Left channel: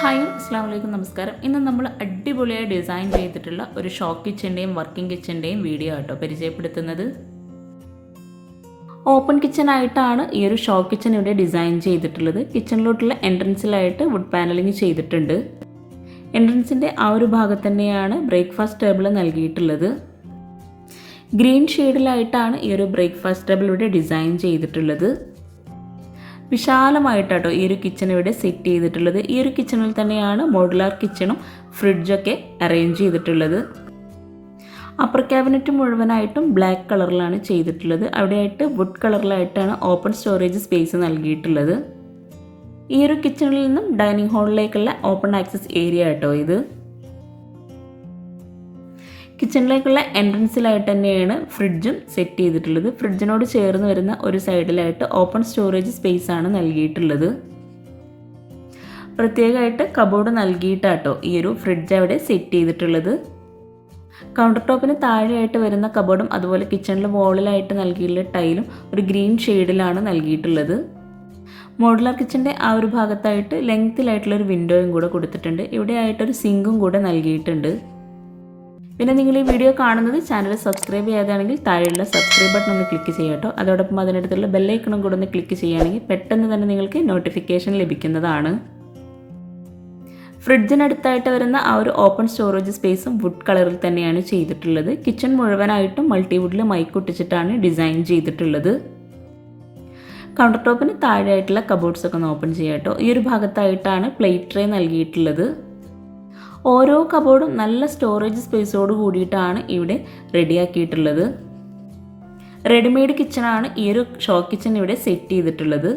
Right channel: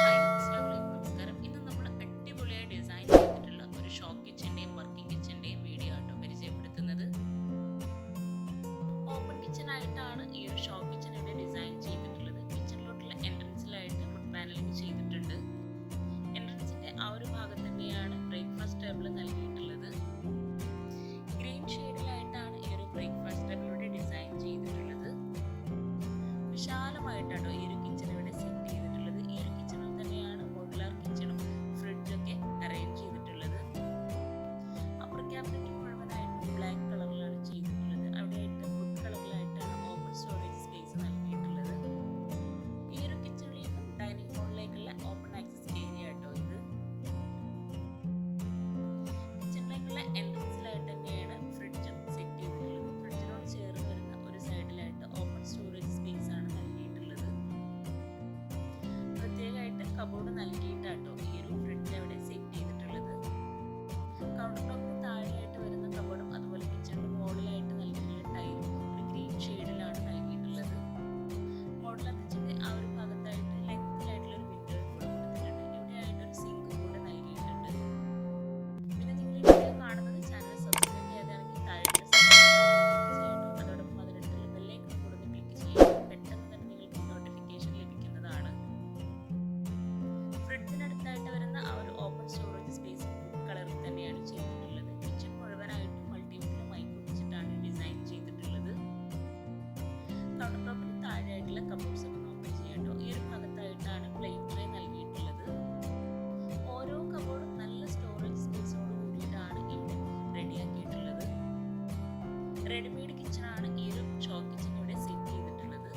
Hi അസ്സലാമു നമസ്കാരം. ഇന്ന് നമ്മൾ അടിപൊളിയായി ഡിസൈൻ ചെയ്തിട്ടുള്ള ഒരു ഷോ കിച്ചൻ്റെയും വർക്കിംഗ് കിച്ചൻ്റെയും വീഡിയോ ആട്ടോ പരിചയപ്പെടുത്തുന്നത്. ഓപ്പൺ കിച്ചൺ ആയിട്ടാണ് ഈ ഒരു ഷോ കിച്ചൺ ഇവിടെ ഡിസൈൻ ചെയ്തിട്ടുള്ളത്. കിച്ചണിലോട്ടുള്ള എൻട്രൻസിലായിട്ട് വുഡ് പാനലിംഗ് ചെയ്തിട്ടുണ്ട്. എൻട്രൻസിൻ്റെ ആ ഒരു ഭാഗത്ത് തന്നെയാണ് ബ്രേക്ക്ഫാസ്റ്റ് ടേബിൾ നൽകിയിട്ടുള്ളത്. ഗ്രീൻ ഷെയ്ഡിലായിട്ടാണ് ഈ ഒരു ബ്രേക്ക്ഫാസ്റ്റ് ടേബിൾ ഇവിടെ ഡിസൈൻ ചെയ്തിട്ടുള്ളത്. വിശാലമായിട്ടാട്ടോ ഈ ഒരു കിച്ചൺ ഇവിടെ സെറ്റ് ചെയ്തിട്ടുള്ളത്. ഈ ഒരു കിച്ചണിൽ തന്നെയാണ് മോഡുലാർ കിച്ചണും ഫ്രിഡ്ജൊക്കെ അറേഞ്ച് ചെയ്തിട്ടുള്ളത്. അപ്പർ ക്യാബിനറ്റ് മുഴുവനായിട്ടും ബ്ലാക്ക് കളറിലാണ് ചെയ്തിട്ടുള്ളത്. അവിടെയായിട്ട് വുഡ് കളറിലായിട്ടാണ് ഓപ്പൺ സ്റ്റോറേജ് സ്പേസ് നൽകിയിട്ടുള്ളത്. ഈ ഒരു കിച്ചണിൽ നിന്നും ഡൈനിങ് ഹാളിലേക്കുള്ള ഓപ്പൺ ആക്സസ് ഏരിയ ആട്ടോ ഇത്. കിച്ചണിലേക്കുള്ള എൻട്രൻസിലായിട്ട് തന്നെയാണ് ഫ്രിഡ്ജും സെറ്റ് ചെയ്തിട്ടുള്ളത്. ഫ്രിഡ്ജിനോട് ചേർന്ന് വരുന്ന ഒരു സൈഡിലായിട്ട് ഓപ്പൺ സ്റ്റോറേജ് സ്പേസ് ആണ് നൽകിയിട്ടുള്ളത്. പ്രത്യേകമായിട്ട് കബോർഡ് നൽകിയിട്ടാട്ടോ ഈ ഒരു ഫ്രിഡ്ജ് അവിടെ സെറ്റ് ചെയ്തിട്ടുള്ളത്. കൗണ്ടർ ടോപ്പിന് താഴെയായിട്ട് വരുന്ന കബോർഡും അതുപോലെ കിച്ചണിലെ വോളിലായിട്ട് നൽകിയിട്ടുള്ള ടൈലും ഒരു ഗ്രീൻ ഷെയ്ഡിലാണ് നൽകിയിട്ടുള്ളത്. മോഡുലാർ കിച്ചൻ്റെ ആ ഒരു ഭാഗത്തായിട്ട് ലെങ്ത്തിലായിട്ടുള്ളൊരു വിൻഡോയും കൂടെ കൊടുത്തിട്ടുണ്ട്. ഇവിടെ ആയിട്ടൊരു സിങ്കും കൂടെ നൽകിയിട്ടുണ്ട്. പിന്നെ നിങ്ങൾ ഈ വീഡിയോ കാണുന്നത് ചാനൽ സബ്സ്ക്രൈബ് ചെയ്യാതാണെങ്കിൽ താഴെയുള്ള സബ്സ്ക്രൈബ് ബട്ടൺ ഒന്ന് ക്ലിക്ക് ചെയ്യാട്ടോ. അതോടൊപ്പം അതിനടുത്തുള്ള ബെല്ലൈക്കണും കൂടെ ഒന്ന് ക്ലിക്ക് ചെയ്യുകയാണെങ്കിൽ പെട്ടെന്ന് തന്നെ നിങ്ങൾക്ക് നോട്ടിഫിക്കേഷൻ ലഭിക്കുന്നതാണ്. ഫ്രിഡ്ജിനടുത്തായിട്ട് വരുന്ന ആ ഒരു ഓപ്പൺ സ്റ്റോറേജ് സ്പേസും വുഡ് കളറിൽ തന്നെയാണ് ചെയ്തിട്ടുള്ളത്. കിച്ചൺ മുഴുവനായിട്ടും മൾട്ടിവുഡിൽ മൈക്കൊട്ടിച്ചിട്ടാണ് ഡിസൈൻ ചെയ്തിട്ടുള്ളത്. കൗണ്ടർ ടോപ്പിന് താഴെയായിട്ടുള്ള കബോർഡ്സ് ഒക്കെ ഒന്ന് ഓപ്പൺ ചെയ്യാട്ടോ. ഈ ഒരു ഭാഗത്തായിട്ടാണ് പ്ലേറ്റ് ട്രേ നൽകിയിട്ടുള്ളത്. ഓരോ കബോർഡും നല്ല സ്റ്റോറേജ് സ്പേസോട് കൂടിയിട്ടാണ് ഇവിടെ റെഡിയാക്കിയിട്ടുള്ളത്. റെഡിമെയ്ഡ് കിച്ചണാണ് ഈ ഒരു ഷോ കിച്ചൺ ഇവിടെ സെറ്റ് ചെയ്തിട്ടുള്ളത്.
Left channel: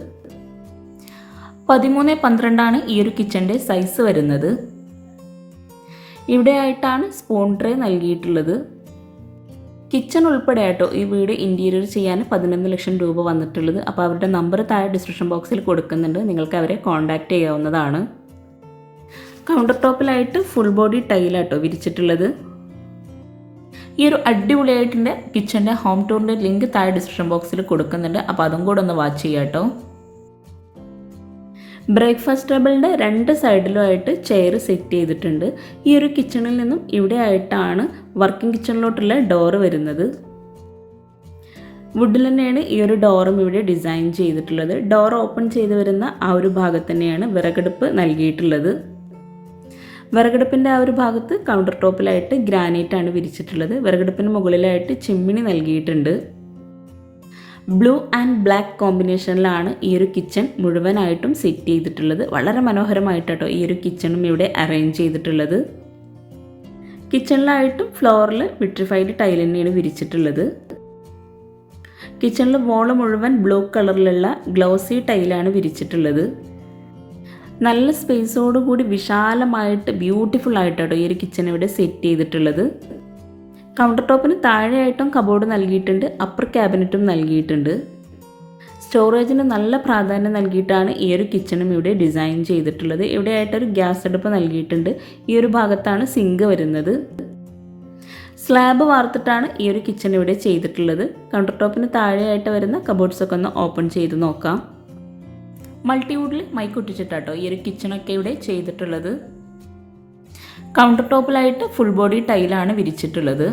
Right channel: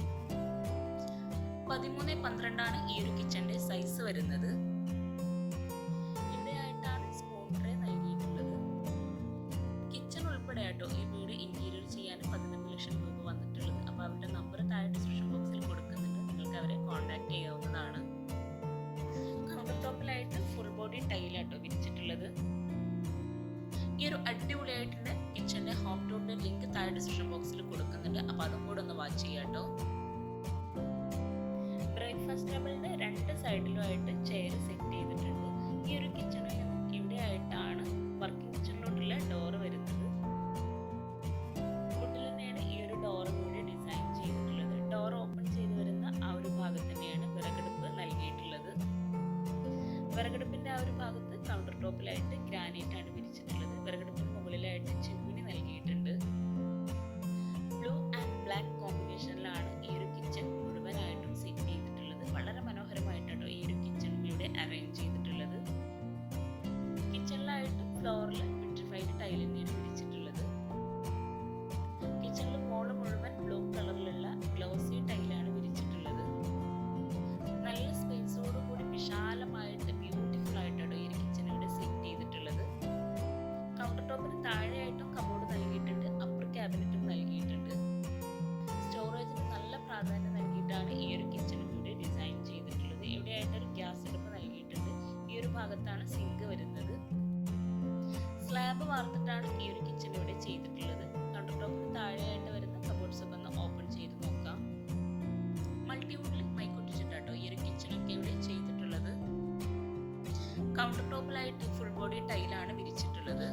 13x12 ഈ ഒരു കിച്ചൻ്റെ സൈസ് വരുന്നത്. ഇവിടെ ആയിട്ടാണ് സ്പൂൺ ട്രേ നൽകിയിട്ടുള്ളത്. കിച്ചൺ ഉൾപ്പെടെ ആയിട്ടോ ഈ വീട് ഇൻറ്റീരിയർ ചെയ്യാൻ 11 ലക്ഷം രൂപ വന്നിട്ടുള്ളത്. അപ്പോൾ അവരുടെ നമ്പർ താഴെ ഡിസ്ക്രിപ്ഷൻ ബോക്സിൽ കൊടുക്കുന്നുണ്ട്. നിങ്ങൾക്ക് അവരെ കോൺടാക്റ്റ് ചെയ്യാവുന്നതാണ്. കൗണ്ടർ ടോപ്പിലായിട്ട് ഫുൾ ബോഡി ടൈലാട്ടോ വിരിച്ചിട്ടുള്ളത്. ഈ ഒരു അടിപൊളിയായിട്ടിൻ്റെ കിച്ചൻ്റെ ഹോം ടൂറിൻ്റെ ലിങ്ക് താഴെ ഡിസ്ക്രിപ്ഷൻ ബോക്സിൽ കൊടുക്കുന്നുണ്ട്. അപ്പോൾ അതും കൂടെ ഒന്ന് വാച്ച് ചെയ്യാം കേട്ടോ. ബ്രേക്ക്ഫാസ്റ്റ് ടേബിളിൻ്റെ രണ്ട് സൈഡിലുമായിട്ട് ചെയർ സെറ്റ് ചെയ്തിട്ടുണ്ട്. ഈ ഒരു കിച്ചണിൽ നിന്നും ഇവിടെ ആയിട്ടാണ് വർക്കിംഗ് കിച്ചണിലോട്ടുള്ള ഡോറ് വരുന്നത്. വുഡിൽ തന്നെയാണ് ഈ ഒരു ഡോറും ഇവിടെ ഡിസൈൻ ചെയ്തിട്ടുള്ളത്. ഡോർ ഓപ്പൺ ചെയ്ത് വരുന്ന ആ ഒരു ഭാഗത്ത് തന്നെയാണ് വിറകടുപ്പ് നൽകിയിട്ടുള്ളത്. വിറകടുപ്പിൻ്റെ ആ ഒരു ഭാഗത്ത് കൗണ്ടർ ടോപ്പിലായിട്ട് ഗ്രാനൈറ്റ് ആണ് വിരിച്ചിട്ടുള്ളത്. വിറകടുപ്പിന് മുകളിലായിട്ട് ചിമ്മിണി നൽകിയിട്ടുണ്ട്. ബ്ലൂ ആൻഡ് ബ്ലാക്ക് കോമ്പിനേഷനിലാണ് ഈ ഒരു കിച്ചൺ മുഴുവനായിട്ടും സെറ്റ് ചെയ്തിട്ടുള്ളത്. വളരെ മനോഹരമായിട്ടോ ഈ ഒരു കിച്ചണും ഇവിടെ അറേഞ്ച് ചെയ്തിട്ടുള്ളത്. കിച്ചണിലായിട്ടും ഫ്ലോറിൽ വിട്രിഫൈഡ് ടൈൽ തന്നെയാണ് വിരിച്ചിട്ടുള്ളത്. കിച്ചണിൽ വോള് മുഴുവൻ ബ്ലൂ കളറിലുള്ള ഗ്ലോസി ടൈലാണ് വിരിച്ചിട്ടുള്ളത്. നല്ല സ്പേസോടുകൂടി വിശാലമായിട്ട് ബ്യൂട്ടിഫുൾ ആയിട്ടോ ഈ ഒരു കിച്ചൺ ഇവിടെ സെറ്റ് ചെയ്തിട്ടുള്ളത്. കൗണ്ടർ ടോപ്പിന് താഴെയായിട്ടും കബോർഡ് നൽകിയിട്ടുണ്ട്. അപ്പർ ക്യാബിനറ്റും നൽകിയിട്ടുണ്ട്. സ്റ്റോറേജിന് നല്ല പ്രാധാന്യം നൽകിയിട്ടാണ് ഈ ഒരു കിച്ചണും ഇവിടെ ഡിസൈൻ ചെയ്തിട്ടുള്ളത്. ഇവിടെ ആയിട്ടൊരു ഗ്യാസ് അടുപ്പ് നൽകിയിട്ടുണ്ട്. ഈ ഒരു ഭാഗത്താണ് സിങ്ക് വരുന്നത്. സ്ലാബ് വാർത്തിട്ടാണ് ഈ ഒരു കിച്ചൺ ഇവിടെ ചെയ്തിട്ടുള്ളത്. കൗണ്ടർ ടോപ്പിന് താഴെയായിട്ട് വരുന്ന കബോർഡ്സൊക്കെ ഒന്ന് ഓപ്പൺ ചെയ്ത് നോക്കാം. മൾട്ടിവുഡിൽ മൈക്കൊട്ടിച്ചിട്ടാട്ടോ ഈ ഒരു കിച്ചണൊക്കെ ഇവിടെ ചെയ്തിട്ടുള്ളത്. കൗണ്ടർ ടോപ്പിലായിട്ട് ഫുൾ ബോഡി ടൈലാണ് വിരിച്ചിട്ടുള്ളത്.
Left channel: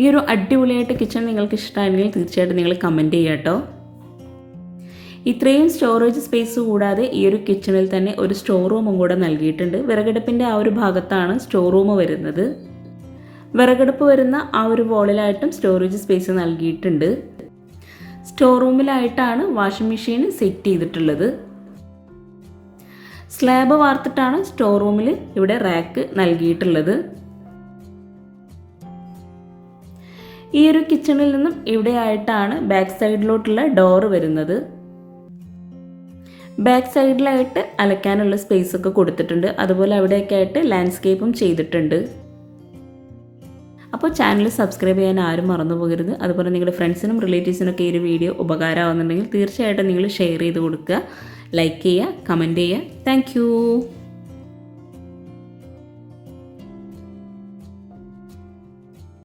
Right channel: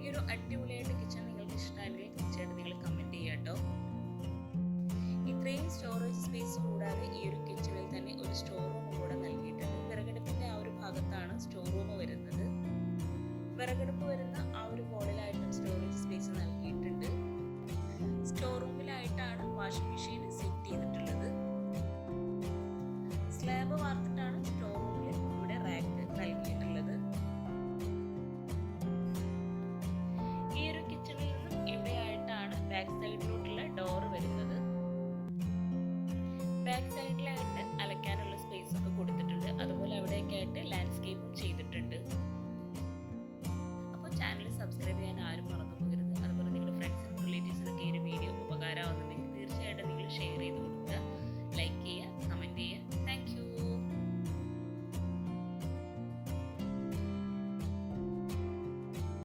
ഈ ഒരു അടിപൊളിയായിട്ട് കിച്ചൺ നിങ്ങൾക്ക് ഇഷ്ടമായെങ്കിൽ തീർച്ചയായിട്ടും നിങ്ങൾ കമൻറ്റ് ചെയ്യുക കേട്ടോ. ഇത്രയും സ്റ്റോറേജ് സ്പേസ് കൂടാതെ ഈ ഒരു കിച്ചണിൽ തന്നെ ഒരു സ്റ്റോർ റൂമും കൂടെ നൽകിയിട്ടുണ്ട്. വിറകടുപ്പിൻ്റെ ആ ഒരു ഭാഗത്താണ് സ്റ്റോർ റൂം വരുന്നത്. വിറകടുപ്പ് വരുന്ന ആ ഒരു വോളിലായിട്ടും സ്റ്റോറേജ് സ്പേസ് നൽകിയിട്ടുണ്ട്. സ്റ്റോർ റൂമിലായിട്ടാണ് വാഷിംഗ് മെഷീൻ സെറ്റ് ചെയ്തിട്ടുള്ളത്. സ്ലാബ് വാർത്തിട്ടാണ് സ്റ്റോർ റൂമിൽ ഇവിടെ റാക്ക് നൽകിയിട്ടുള്ളത്. ഈ ഒരു കിച്ചണിൽ നിന്നും ഇവിടെ ആയിട്ടാണ് ബാക്ക് സൈഡിലോട്ടുള്ള ഡോറ് വരുന്നത്. ബാക്ക് സൈഡിലായിട്ട് അലക്കാനുള്ള സ്പേസ് ഒക്കെ കൊടുത്തിട്ടുണ്ട്. അതുപോലെ അവിടെയൊക്കെ ആയിട്ട് ലാൻഡ്സ്കേപ്പും ചെയ്തിട്ടുണ്ട്. അപ്പോൾ ചാനൽ സബ്സ്ക്രൈബ് ചെയ്യാൻ ആരും മറന്നു പോകരുത്. അതുപോലെ നിങ്ങളുടെ ഫ്രണ്ട്സിനും റിലേറ്റീവ്സിനൊക്കെ ഈ ഒരു വീഡിയോ ഉപകാരമാകുന്നുണ്ടെങ്കിൽ തീർച്ചയായിട്ടും നിങ്ങൾ ഷെയർ ചെയ്ത് കൊടുക്കുക, ലൈക്ക് ചെയ്യുക, കമൻറ്റ് ചെയ്യുക. താങ്ക്